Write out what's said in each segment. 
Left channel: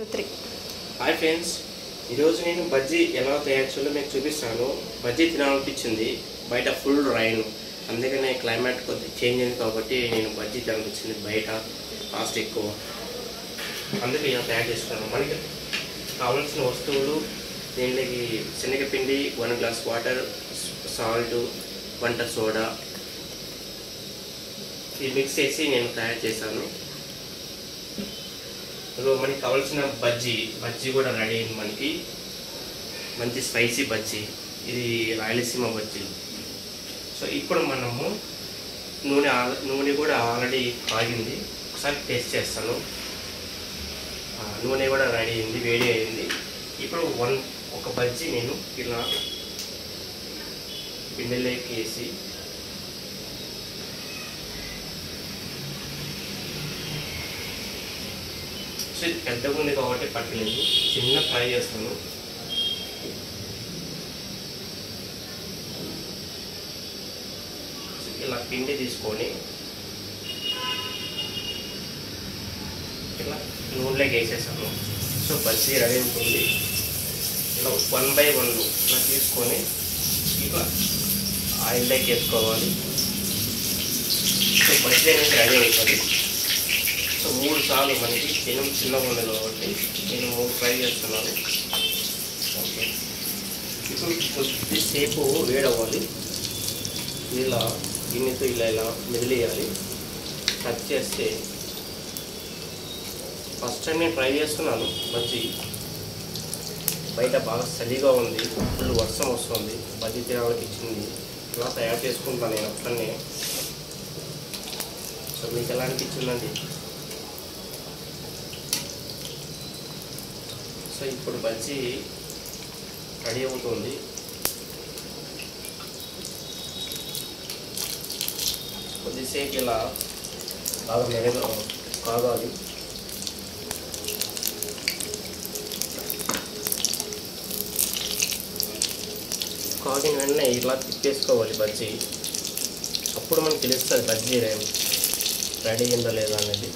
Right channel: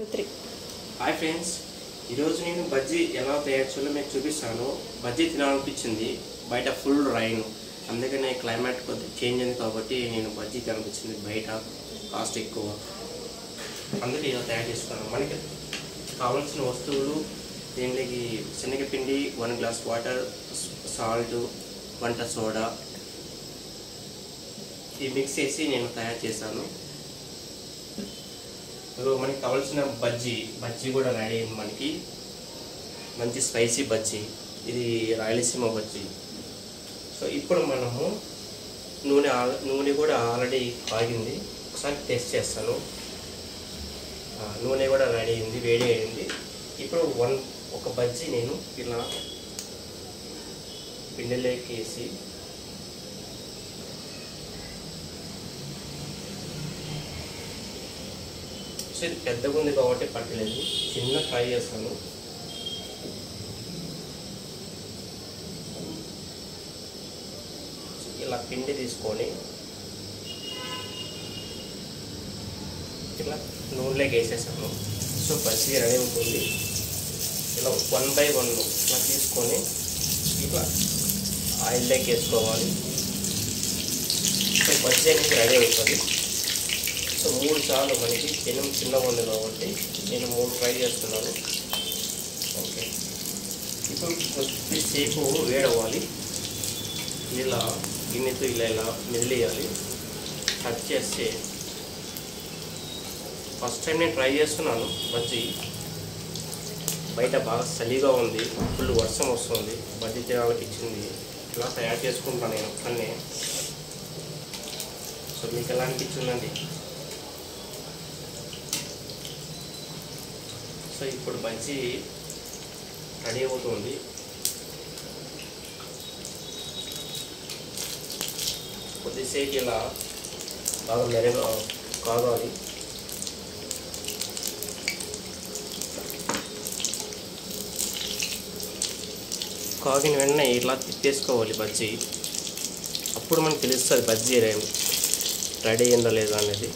3. Hi friends, ఈరోజు నేను బజ్జీ ఎలా తయారు చేయాలో మీకు చూపిస్తాను. బజ్జీ తినాలనిపించింది, బయట ఫుల్ రైన్, అందుకనే క్లైమేట్ కొద్దిగా చేంజ్ అయింది కాబట్టి నేను బజ్జీ తినాలనిపించింది. బయట కాస్ట్ ఎక్కువ, అందుకే ఇలా తయారు చేస్తాను. మనకి కావాల్సిన వస్తువులు దీనికి శనగపిండి, 1 గ్లాస్ వాటర్, సాల్ట్, వంట సోడా ఇది మిక్స్ చేసి నేను తయారు చేశాను. మనకి కావాల్సిన బజ్జీ కూడా రెడీ అయింది. మనకి మంచి స్పైసీ బజ్జీ, ఇది రాయలసీమ బజ్జీ. సో ఇప్పుడు మనము నూనె కూడా ఆల్రెడీ కాగింది, ఒకసారి టేస్ట్ చేస్తాను. నూనె కూడా రెడీ అయింది, వేడి అయింది. ఇప్పుడు ఒక బజ్జీ నేను ఇలా పిండిలోకి వేసి ఇది పెద్దగా ఉంది కాబట్టి పట్టలేదు, చిన్న ఫ్రై చేస్తాను. ఇలా పిండి తీసుకొని ఇలా నూనెలోకి వేసేసాను. సో బజ్జీ రెడీ ఉంటుంది. ఇలా 1 by 1 ఇలా తీసుకొని ఇలా ఆయిల్లోకి వేసుకోవాలి. సో బజ్జీ అనేది రెడీ అవుతుంది. సో 3 సార్లు మనకి చిన్నగా ఉంది కాబట్టి నేను 3 ఫ్రై చేస్తున్నాను. ఓకే, ఇప్పుడు కొద్దిసేపు వేడవ్వాలి. ఇలా గిన్నెతో ఇలా మెదిలేయాలి. కట్ చేస్తే ఫస్ట్ టైం నేను ట్రై చేస్తున్నాను బజ్జీ. బయట బాగా చలిగా ఉంది, ఫుల్ వర్షం వస్తుంది, బజ్జీ తినాలనిపించింది. ఇలా తయారు చేసుకుంటాను నేను ఒక్కనే. సో మీకు ఎలా అనిపించిందండి? సో ఇప్పుడు బజ్జీ రెడీ అవుతుంది. కొద్దిసేపు ఇలా బాగా కాగాలి. కాగిన వెంటనే ఇలా తిప్పేసుకోవాలి బజ్జీ. అప్పుడు మనకు తెలుస్తుంది బజ్జీ రెడీ అయిందా లేదా అనేది.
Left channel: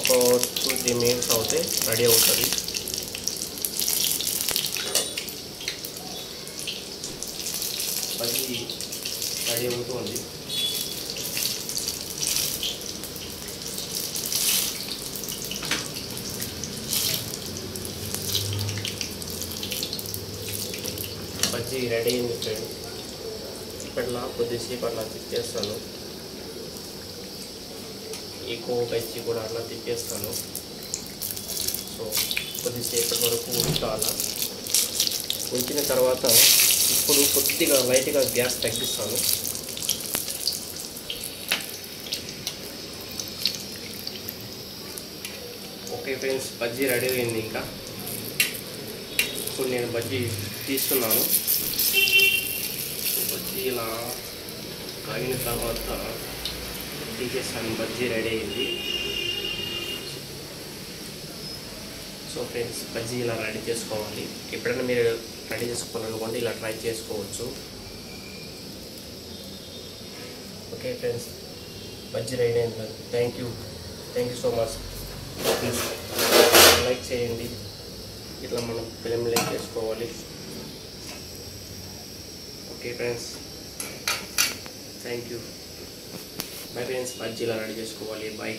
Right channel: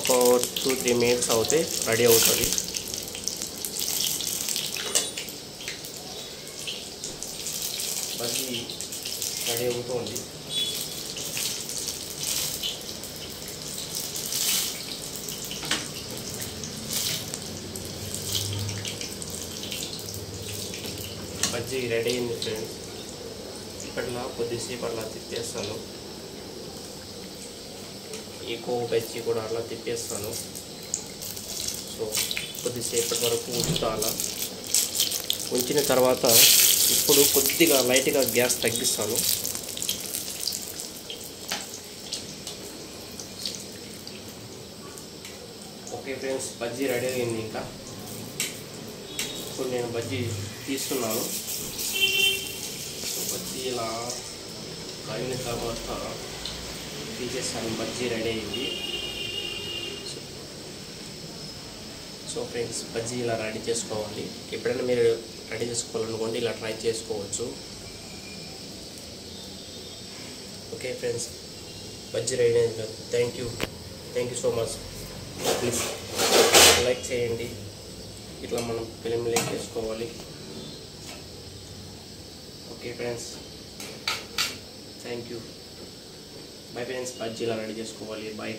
ఒక 2-3 మినిట్స్ అవుతే రెడీ అవుతుంది. బజ్జీ రెడీ అవుతుంది. బజ్జీ రెడీ అయింది ఫ్రెండ్స్. ఇప్పటిలా కొద్దిసేపు అట్లా తిప్పేస్తాను. ఎక్కువ బజ్జీ కూడా అట్లా తిప్పేస్తాను. సో కొద్దిసేపు వరకు ఉంచాలి. ఉంచిన తర్వాత ఇప్పుడు కొద్దిగా లైట్గా గ్యాస్ తగ్గిస్తాను. ఓకే ఫ్రెండ్స్, బజ్జీ రెడీ అయింది. ఇంకా ఇప్పుడు నేను బజ్జీ తీస్తున్నాను. బజ్జీ ఇలా కాగిన తర్వాత తీసేస్తాను. బజ్జీ రెడీ అయింది. సో ఫ్రెండ్స్, బజ్జీ ఇలా రెడీ చేసుకోవాలి. ఎప్పుడైనా మీరు రెడీ చేసుకోవాలనుకోండి, ఇలా ట్రై చేసుకోవచ్చు. ఓకే ఫ్రెండ్స్, బజ్జీ రెడీ అయింది. Thank you so much. Please like చేయండి. ఇట్లా మనం ఫిలిం లైక్ చేసుకోవాలి. Okay friends, thank you. Bye friends, bajji ఇలా రెడీ చేసుకోవాలి. బాయ్.